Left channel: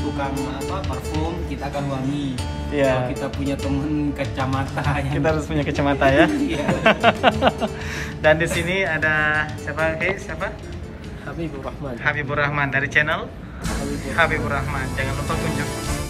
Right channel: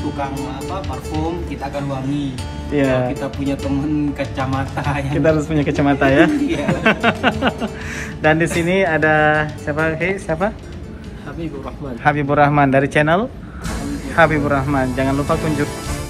tukang parfum, kita akan wangi. Iya. Kalau kita punya teman kacamata yang Kita harus punya kacamata ya. Iya. Dan di sini ada siapa? Siapa? Habibur Rahman. Habibur Rahman dari channel Habibur Rahman. Jangan lupa kunjungi.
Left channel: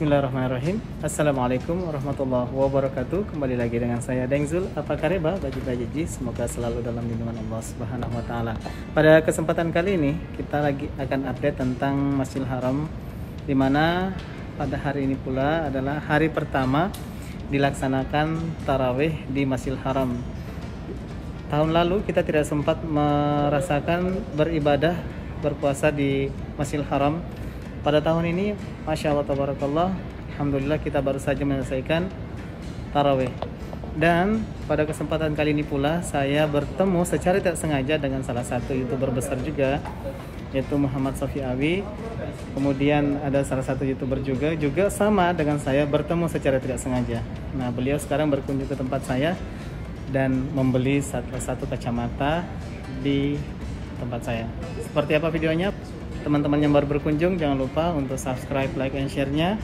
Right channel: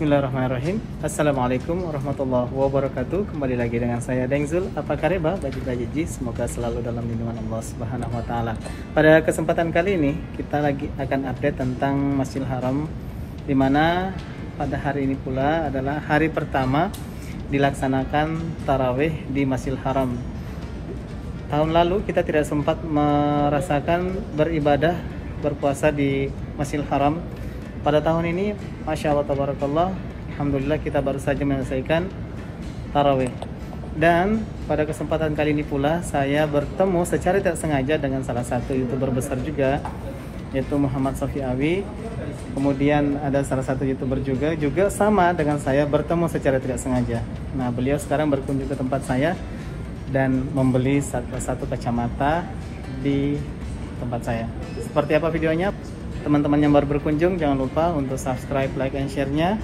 Bismillahirrahmanirrahim. Assalamualaikum warahmatullahi wabarakatuh. Kembali lagi dengan saya Dengzul. Apa kabar bagi Ji? Semoga selalu dalam lindungan Allah Subhanahu wa taala. Pada kesempatan kali ini kita lagi akan update tentang Masjidil Haram, di mana pada hari ini pula adalah hari pertama dilaksanakan tarawih di Masjidil Haram. Tahun lalu kita tidak sempat merasakan beribadah berpuasa di Masjidil Haram. Pada tahun ini, Masya Allah, Tabarakallah, Alhamdulillah kita baru saja menyelesaikan tarawih. Dan pada kesempatan kali ini pula saya bertemu secara tidak sengaja dengan salah satu YouTuber besar juga, yaitu Muhammad Sofiawi. Kemudian ada salah satu YouTuber juga sama dengan saya, bertemu secara tidak sengaja. Nah, beliau sekarang berkunjung ke tempat saya dan membeli satu kacamata di tempat saya. Seperti apa videonya? Teman-teman yang baru berkunjung, jangan lupa untuk subscribe, like, and share-nya.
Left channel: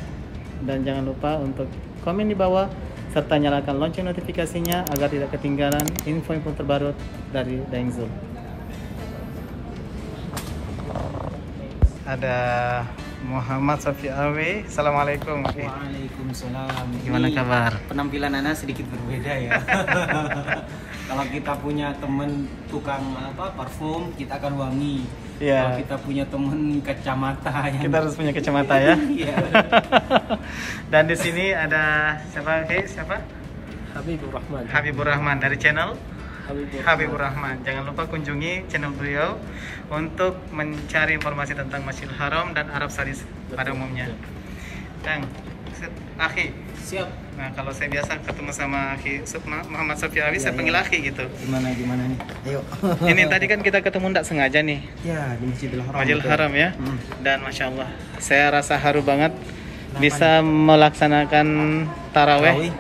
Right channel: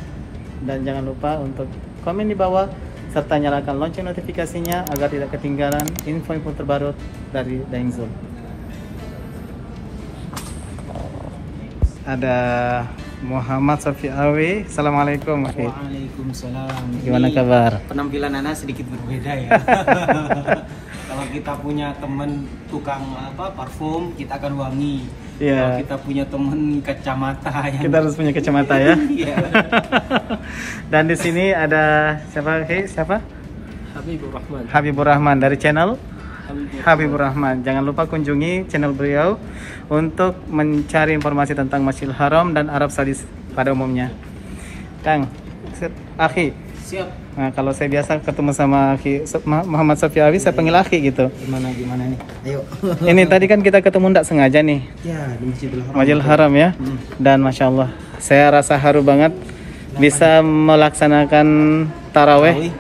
Dan jangan lupa untuk komen di bawah, serta nyalakan lonceng notifikasinya agar tidak ketinggalan info-info terbaru dari Dengzul. Ada Muhammad Sofiawi. Assalamualaikum. Waalaikumsalam. Gimana kabar? Penampilan Ana sedikit berbeda ya. Kalau kita punya teman tukang parfum, kita akan wangi. Iya. Kalau kita punya teman kacamata yang Kita harus punya kacamata ya. Iya. Dan di sini ada siapa? Siapa? Habibur Rahman. Habibur Rahman dari channel Habibur Rahman. Jangan lupa kunjungi channel beliau untuk mencari informasi tentang Masjidil Haram dan Arab Saudi pada umumnya. Kang, Akhi. Siap. Nah, kalau saya biasa ketemu sama Akhi Muhammad Sofiawi, saya panggil Akhi gitu. Gimana nih? Ayo. Ini tadi kan kita ketemu tidak sengaja nih. Ya, di Masjidil Haram. Masjidil Haram ya. Dan Masya Allah, saya rasa haru banget bisa melaksanakan taraweh.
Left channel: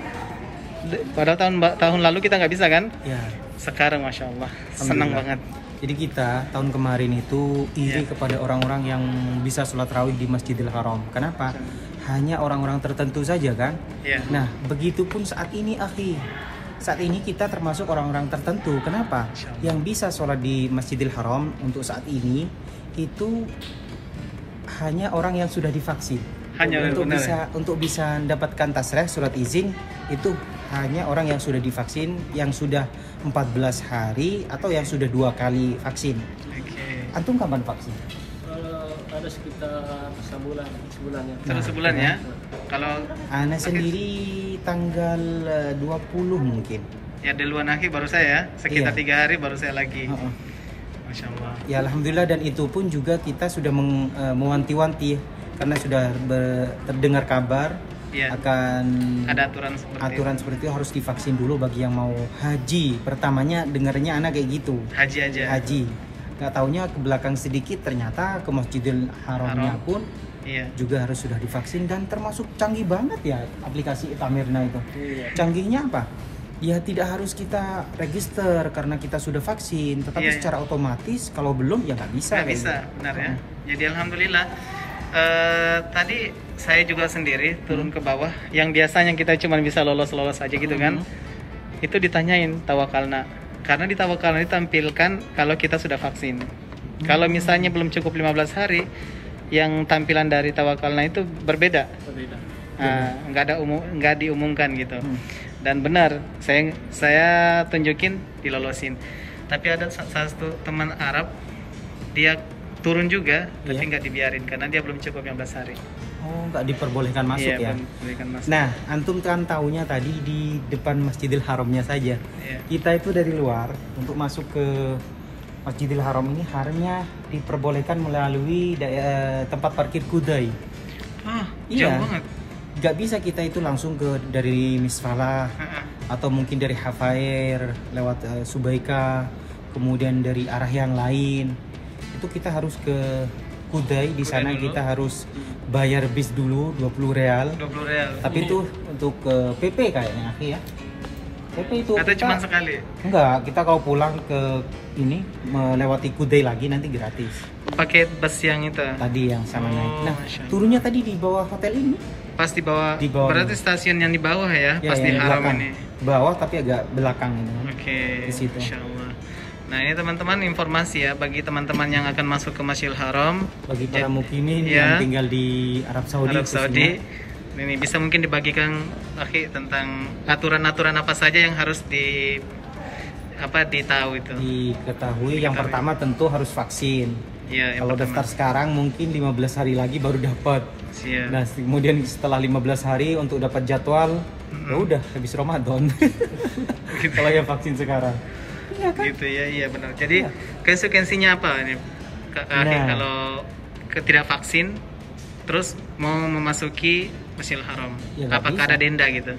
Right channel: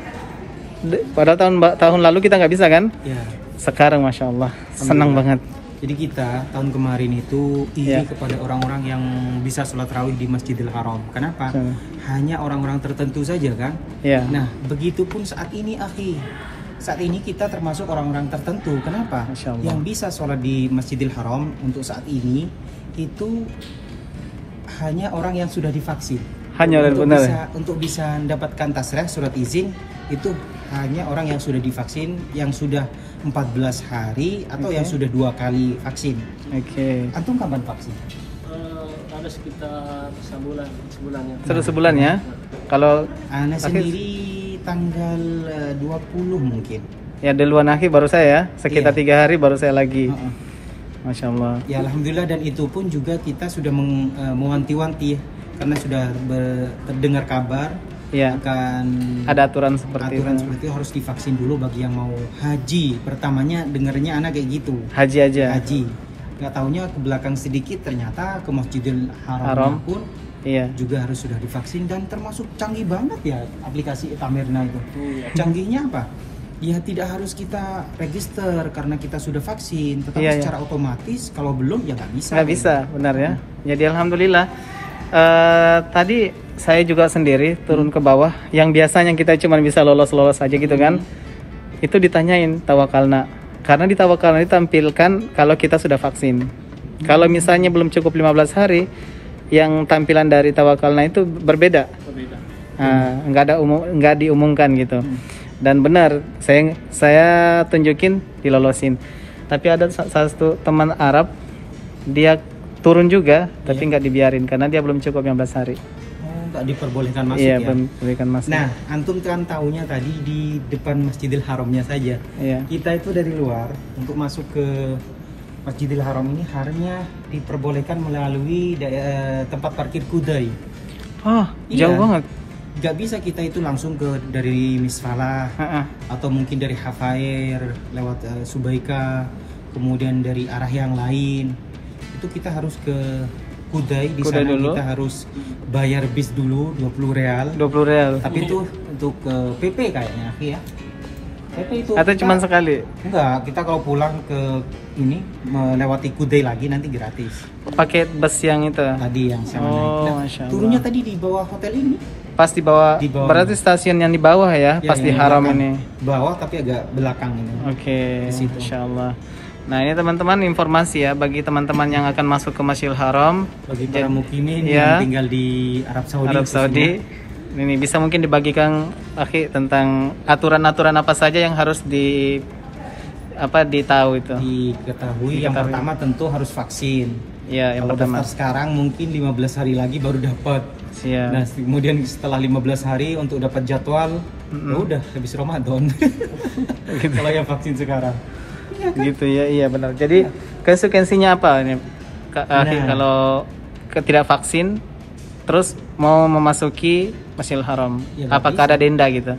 Padahal tahun lalu kita nggak bisa kan? Ya. Sekarang Masya Allah, senang banget. Jadi kita tahun kemarin itu iri kepada orang-orang yang bisa sholat tarawih di Masjidil Haram. Kenapa? Hanya orang-orang tertentu saja kan? Ya. Nah, begitupun saat ini, Akhi. Saat ini kita termasuk orang-orang tertentu. Kenapa? Yang bisa sholat di Masjidil Haram untuk saat ini itu hanya orang yang sudah divaksin. Hanya untuk bisa mendapatkan tasreh surat izin itu hanya orang yang sudah divaksin, yang sudah 14 hari atau yang sudah 2 kali vaksin. Antum kapan vaksin? Ada sekitar sebulan ya. Sebulan ya. Kalau Ana sendiri tanggal 20 mungkin. Ya, di luar Akhi baru saya, sekitar 3 hari baru saya lagi. Masya Allah. Ya Alhamdulillah, dan itu pun juga kita sudah mewanti-wanti karena sudah terdengar kabar akan ada aturan seperti itu harus divaksin dulu bagi yang mau haji. Pertamanya dengarnya anak kayak gitu. Haji aja. Haji. Nggak taunya ke belakang sedikit ternyata ke Masjidil Haram pun juga harus sudah divaksin, dan termasuk canggih banget ya aplikasi Tamirna itu. Canggihnya apa? Ya tidak harus kita register karena kita sudah vaksin, tetapi secara otomatis kalau belum ya nggak bisa. Nggak bisa, benar ya. Jadi alhamdulillah. Tadi saya juga sendiri turun ke bawah, yang biasanya kita cuma bisa lolos aja gitu kan. Itu ditanyain tawakalna, karena di tawakalna ditampilkan kalau kita sudah vaksin. Kalau misalnya belum cukup 15 hari, yang tampilan dari tawakalna itu berbeda. Nggak diumumkan gitu. Dan benar, saya tunjukin dilolosin. Tapi ada satu teman Arab, dia turun juga, tapi nggak dibiarin karena dia belum cukup 15 hari. Oh, nggak diperbolehkan masuk ya? Diperbolehkan masuk. Nah, antum kan tahunya tadi di depan Masjidil Haramnya saja. Kita itu dari luar untuk masuk ke Masjidil Haram ini harusnya diperbolehkan melalui tempat parkir Kudai. Jauh banget. nggak bisa kita itu langsung dari Misfalah atau mungkin dari Hafair lewat Subaika, kemudian dari arah yang lain. Itu kita harus ke Kudai. Di sana dulu. Kita harus bayar bis dulu 20 real. 20 real. Tapi itu untuk PP kayaknya, ya. PP itu atau kita, cuma sekali? Enggak, kita kalau pulang ke ini melewati Kudai lagi nanti gratis. Pakai bus yang itu tadi yang sama. Oh, turunnya tadi di bawah hotel ini. Pas di bawah. Berarti stasiun yang di bawah ya, pas di Haram ini. Bawah tapi agak belakang ini. Oke. Insyaallah. Nah, ini teman-teman informasi ya bagi teman-teman yang akan masuk ke Masjidil Haram, bagi para mukimin yang tinggal di Arab Saudi. Ini bisa mungkin dibagikan Akhi tentang aturan-aturan apa saja yang harus ditahu itu. Diketahui. Yang pertama tentu harus vaksin. Ya, kalau daftar sekarang mungkin 15 hari lagi baru dapat. Ya. Nah, kemudian setelah 15 hari untuk dapat jadwal, ya udah habis Ramadan. Kalau yang vaksin sekarang. Gitu ya, iya benar. Jadi konsekuensinya apa ini? Kalau tidak vaksin terus mau memasuki Masjidil Haram, ya, apakah ada denda gitu?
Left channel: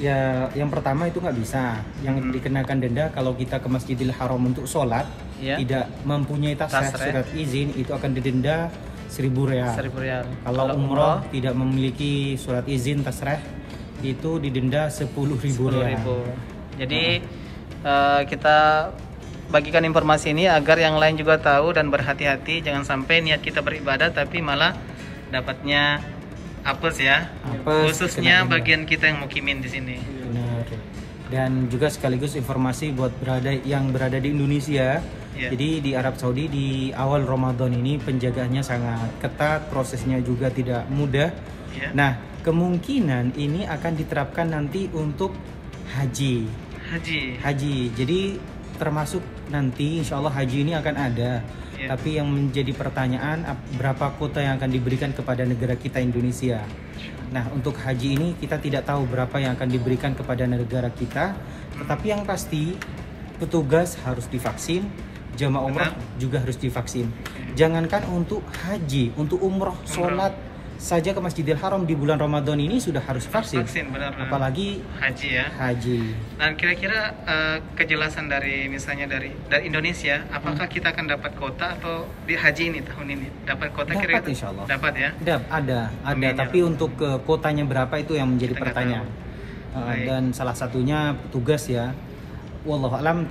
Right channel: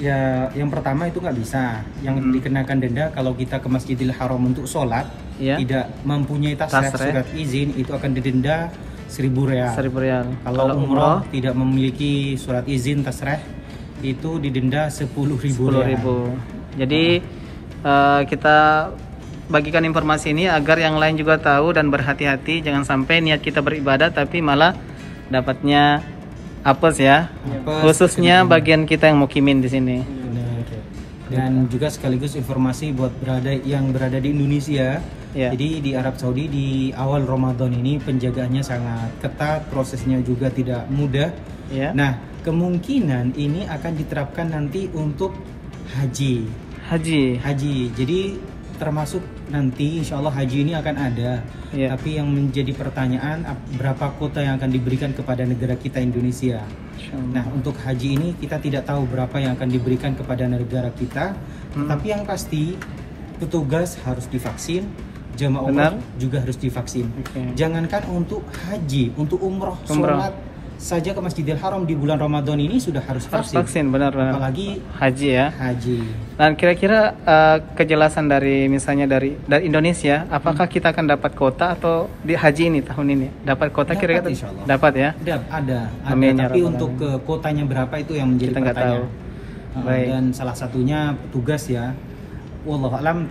Ya, yang pertama itu nggak bisa. Yang dikenakan denda kalau kita ke Masjidil Haram untuk sholat, tidak mempunyai tasreh surat izin, itu akan didenda 1.000 real. 1.000 real. Kalau umroh tidak memiliki surat izin tasreh, itu didenda 10.000 real. Jadi kita bagikan informasi ini agar yang lain juga tahu dan berhati-hati, jangan sampai niat kita beribadah tapi malah dapatnya apes ya. Khususnya bagian kita yang mukimin di sini. Dan juga sekaligus informasi buat yang berada di Indonesia. Jadi di Arab Saudi di awal Ramadan ini penjagaannya sangat ketat, prosesnya juga tidak mudah. Nah, kemungkinan ini akan diterapkan nanti untuk haji. Jadi termasuk nanti insya Allah haji ini akan ada. Tapi yang menjadi pertanyaan, berapa kuota yang akan diberikan kepada negara kita Indonesia. Nah, untuk haji ini kita tidak tahu berapa yang akan diberikan kepada negara kita. Tetapi yang pasti petugas harus divaksin, jemaah umrah juga harus divaksin. Jangankan untuk haji, untuk umroh, sholat saja ke Masjidil Haram di bulan Ramadan ini sudah harus vaksin. Benar. Apalagi haji ya. Dan kira-kira kejelasan dari misalnya dari Indonesia, apakah kita akan dapat kuota atau di haji ini tahun ini dapat kuota? Kira-kira dapat ya? Ada. Tapi untuk kuotanya berapa itu yang menjadi pertanyaan. Dan salah satunya petugas ya. Wallahu alam,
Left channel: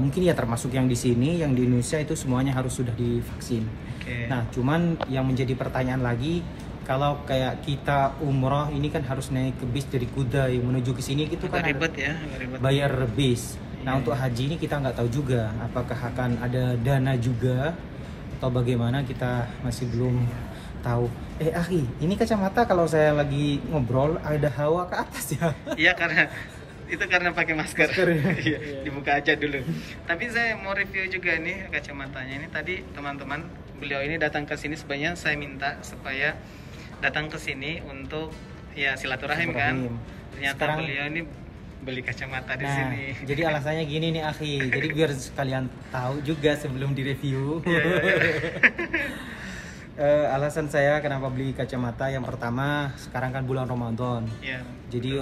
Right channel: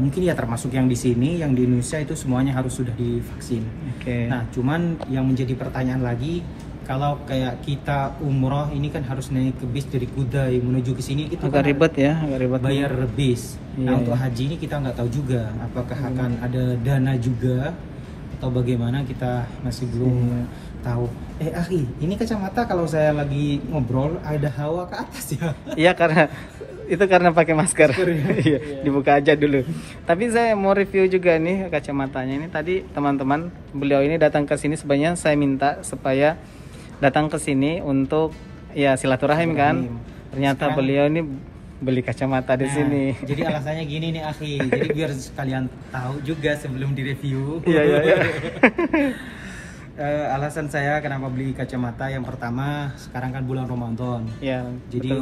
mungkin ya termasuk yang di sini, yang di Indonesia itu semuanya harus sudah divaksin. Nah, cuman yang menjadi pertanyaan lagi, kalau kayak kita umroh ini kan harus naik ke bis dari Kudai menuju ke sini, gitu kan ribet ya, bayar bis. Nah, untuk haji ini kita nggak tahu juga apakah akan ada dana juga atau bagaimana, kita masih belum tahu. Akhi, ini kacamata kalau saya lagi ngobrol ada hawa ke atas ya? Iya, karena pakai masker. Dibuka aja dulu. Tapi saya mau review juga nih kacamatanya ini. Tadi teman-teman, beliau ini datang ke sini, sebenarnya saya minta supaya datang ke sini untuk ya silaturahim kan. Ternyata beliau ini beli kacamata di sini. Jadi alasannya gini nih akhi. Jadi biar kalian tahu juga sebelum direview. Alasan saya kenapa beli kacamata, yang pertama sekarang kan bulan Ramadan. Jadi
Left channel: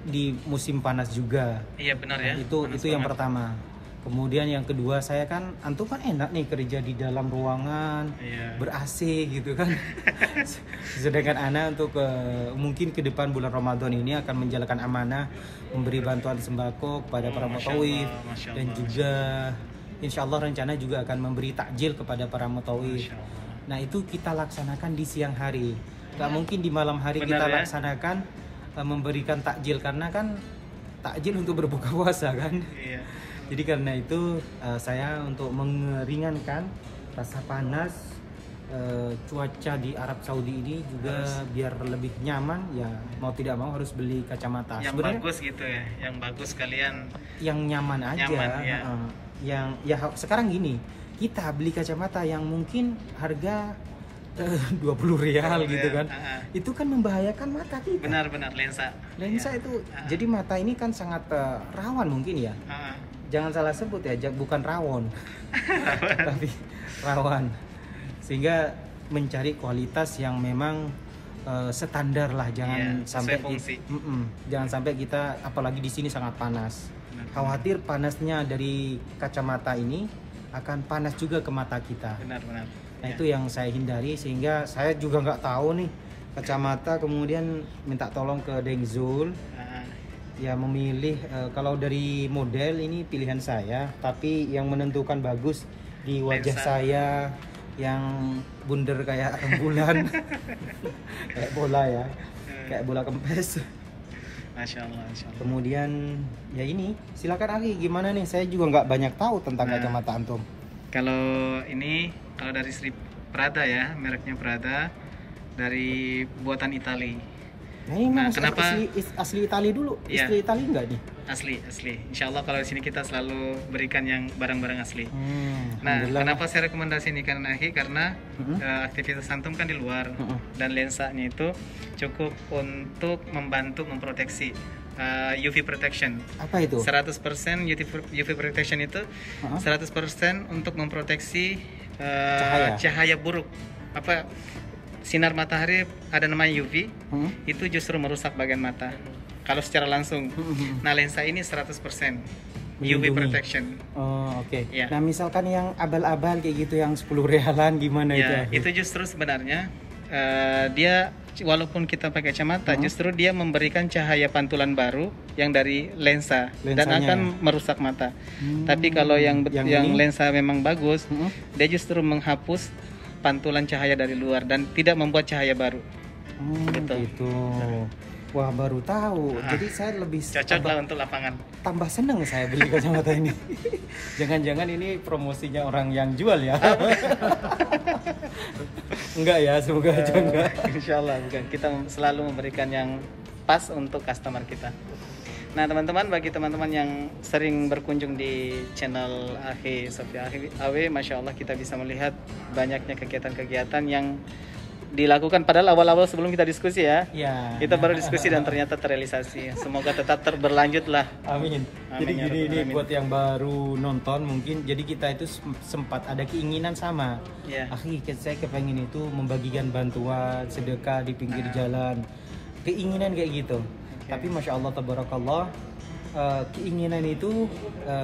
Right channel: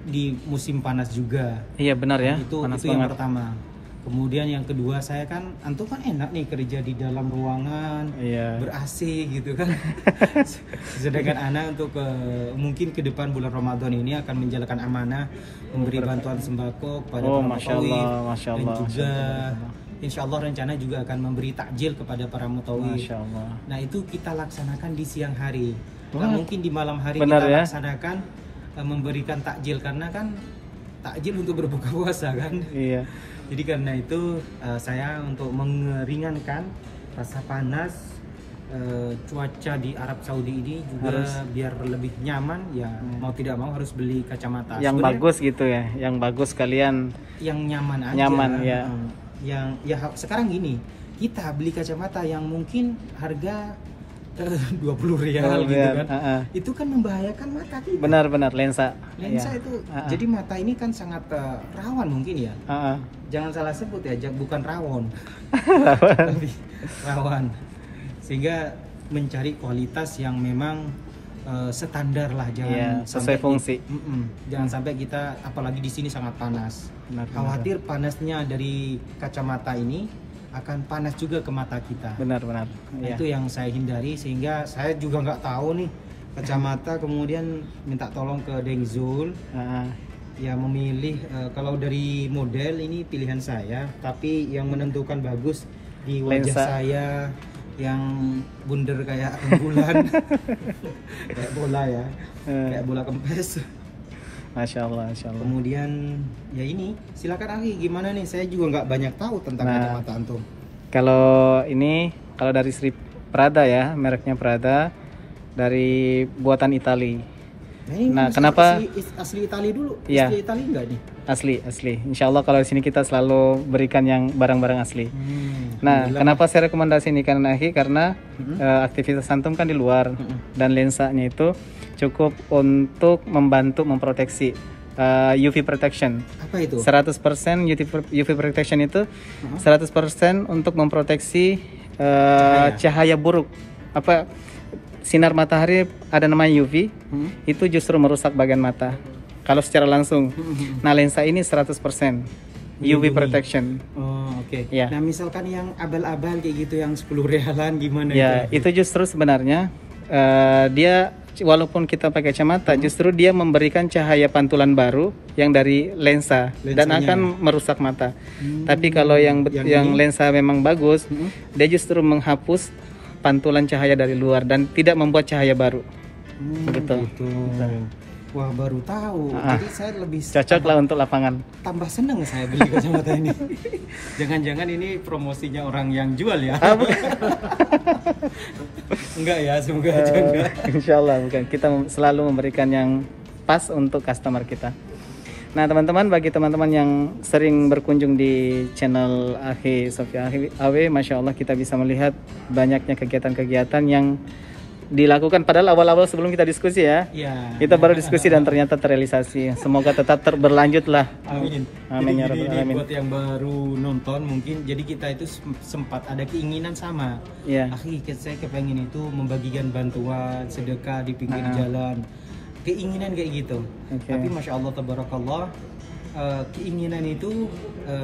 di musim panas juga. Iya benar ya. Itu yang pertama. Kemudian yang kedua, saya kan antum kan enak nih kerja di dalam ruangan ber-AC gitu kan. Sedangkan anak untuk mungkin ke depan bulan Ramadan ini akan menjalankan amanah memberi bantuan sembako kepada para mutawif, dan juga insya Allah rencana juga akan memberi takjil kepada para mutawif. Nah, itu kita laksanakan di siang hari. Nggak mungkin di malam hari kita laksanakan memberikan takjil, karena kan takjil untuk berbuka puasa kan. Jadi karena itu saya untuk meringankan rasa panas cuaca di Arab Saudi ini juga biar lebih nyaman ya, mau tidak mau harus beli kacamata yang bagus gitu ya, yang bagus kalian, yang nyaman aja. Yang ya sekarang gini, kita beli kacamata yang mungkin harga 20 real gitu kan. Itu kan membahayakan mata kita. Benar-benar lensa itu. Jadi mata ini kan sangat rawan mungkin ya. Jangan salah sebut ya, bukan rawon. Tapi rawan. Sehingga mencari kualitas yang memang standar lah, jangan sampai fungsi. Jangan sampai kita, apalagi di sini sangat panas. Khawatir panasnya dari kacamata ini akan panas juga ke mata kita. Benar-benar. Nah, itu yang saya hindari, sehingga saya juga nggak tahu nih kacamata, kemudian minta tolong ke Dengzul. Ya memilih, kalau dari model ini pilihan saya, tapi yang menentukan bagus di wajah saya yang bunder kayak rembulan, kayak bola ya, kayak bola kempes. Masya Allah, Masya Allah. Kemudian ya ini, silakan Akhi, gimana nih? Saya juga nggak banyak tahu tentang kacamata antum. Kalau ini, kalau dari Sri Prada ya, mereknya Prada, dari buatan Itali. Nah, kenapa asli Itali dulu? Ya. Asli Itali enggak nih? Asli. Insya Allah kalau di sini kita selalu berikan yang barang-barang asli. Nah, kenapa saya rekomendasi ini karena aktivitas antum kan di luar dan lensanya itu cukup untuk membantu memproteksi UV protection. Apa itu? 100% UV protection itu 100% untuk memproteksi cahaya buruk. Sinar matahari ada namanya UV, itu justru merusak bagian mata kalau secara langsung. Nah, lensa ini 100% UV protection. Oh, oke. Ya. Nah, misalkan yang abal-abal kayak gitu, yang 10 rialan gimana ya, itu? Itu justru sebenarnya dia walaupun kita pakai kacamata, justru dia memberikan cahaya pantulan baru yang dari lensanya dan akan merusak mata. Tapi kalau yang lensa memang bagus, dia justru menghapus pantulan cahaya dari luar dan tidak membuat cahaya baru. Gitu. Wah, baru tahu. Jadi saya lebih cocok lah untuk lapangan. Tambah seneng saya beli kacamata ini. Jangan-jangan ini promosinya orang yang jual ya? Enggak ya, semoga aja enggak. Insya Allah bukan. Kita selalu memberikan yang pas untuk customer kita. Nah, teman-teman, bagi teman-teman yang sering berkunjung di channel Akhi Sofia AW, Masya Allah kita bisa melihat banyaknya kegiatan-kegiatan yang dilakukan. Padahal awal-awal sebelum kita diskusi ya, kita baru diskusi dan ternyata terrealisasi. Semoga tetap berlanjut lah. Amin. Jadi gini, buat yang baru nonton mungkin, jadi kita itu sempat ada keinginan sama. Akhi, saya kepengen itu membagikan bantuan, sedekah di pinggir jalan. Keinginan kayak gitu. Tapi Masya Allah tabarakallah, keinginan itu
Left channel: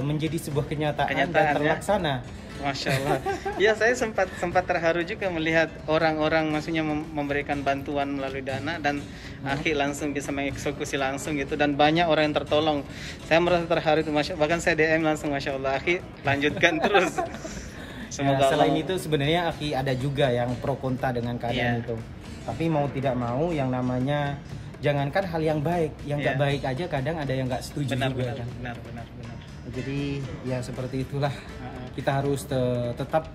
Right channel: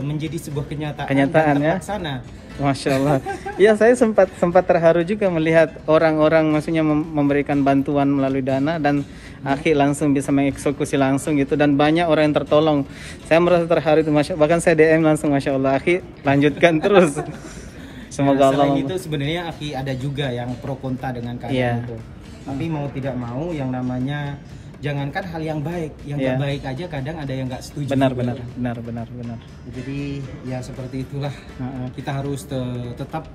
menjadi sebuah kenyataan dan terlaksana. Masya Allah. Ya, saya sempat terharu juga melihat orang-orang maksudnya memberikan bantuan melalui dana dan Akhi langsung bisa mengeksekusi langsung gitu, dan banyak orang yang tertolong. Saya merasa terharu itu, bahkan saya DM langsung, Masya Allah, Akhi lanjutkan terus. Semoga selain itu sebenarnya Akhi ada juga yang pro kontra dengan keadaan itu. Tapi mau tidak mau, yang namanya jangankan hal yang baik, yang nggak baik aja kadang ada yang nggak setuju. Benar. Jadi ya seperti itulah. Kita harus tetap,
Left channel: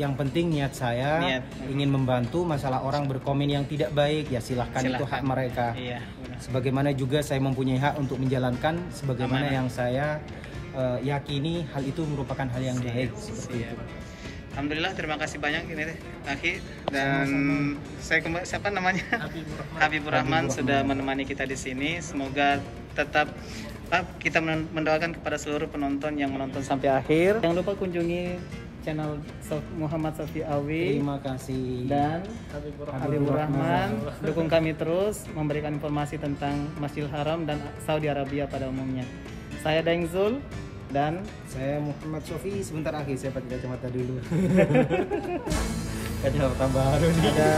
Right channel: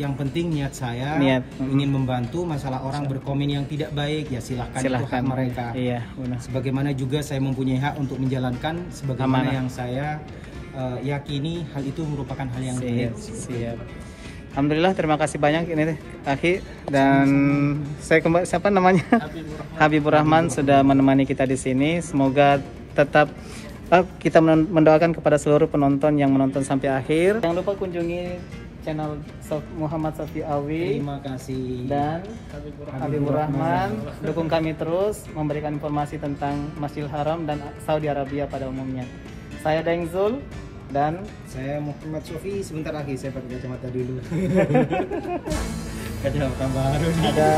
yang penting niat saya ingin membantu. Masalah orang berkomen yang tidak baik, ya silahkan. Itu hak mereka. Sebagaimana juga saya mempunyai hak untuk menjalankan sebagaimana yang saya yakini hal itu merupakan hal yang baik. Alhamdulillah, terima kasih banyak ini Akhi, dan saya kembali, siapa namanya? Habibur Rahman sudah menemani kita di sini. Semoga tetap kita mendoakan kepada seluruh penonton yang menonton sampai akhir. Jangan lupa kunjungi channel Muhammad Sofi Awi. Terima kasih. Dan Habibur Rahman. Dukung kami terus memberikan informasi tentang Masjidil Haram dan Saudi Arabia pada umumnya. Saya Dengzul. Dan saya Muhammad Sofi. Sebentar lagi saya pakai kacamata dulu. Jadi baru ada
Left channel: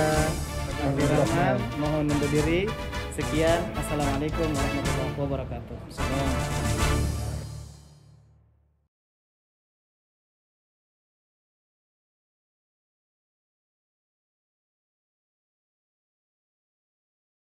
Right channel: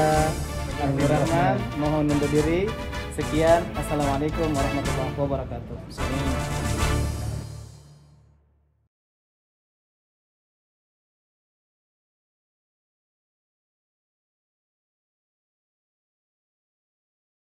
Habibur Rahman. Mohon undur diri. Sekian. Assalamualaikum warahmatullahi wabarakatuh.